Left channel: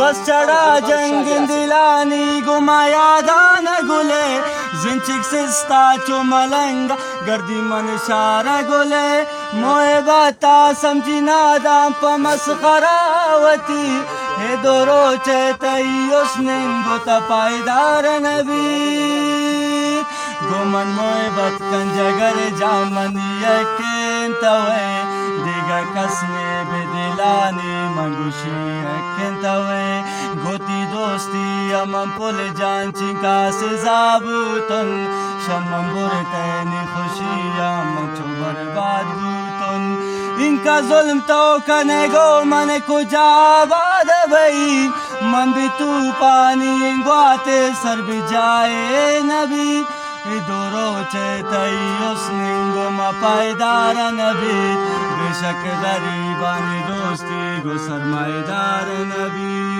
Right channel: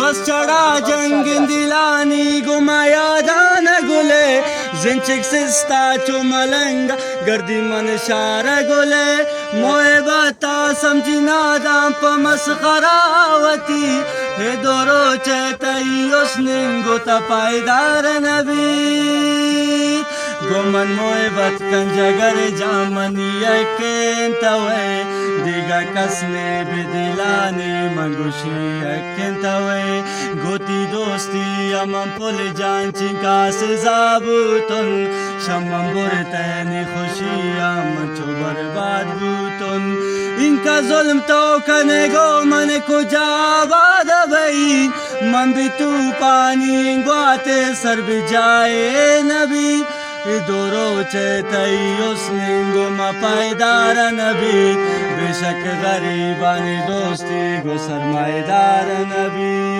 बस चढ़ा जंग दिलानी गुमाया दान गुले जिंचिक सिस्ता चुमलंगा गर्दी मन शार गुले मोए बाता समझी नादाम पमस खरावती हे दोरो चेतई उसने गोता पायदार नबी गोमन मोए बत कंजगर जामनी यकें तवे दिगा कसने बिदिलानी मंगुशी यकें तवे गोती दोस्ती अमन पुल जान चिंका से जाबुतन शमम बुरतनी खुशी अमन चो बर्बाद बुतन इनका जुल्म तो कनेगो मन को जाबाद भई मन भी तू पानी ग्वाते सर भी जाए नबी दोरो चेतई उसने गुमा पायदार नबी बेशक गरीबानी दोस्ती गो सरमाएदार नबी।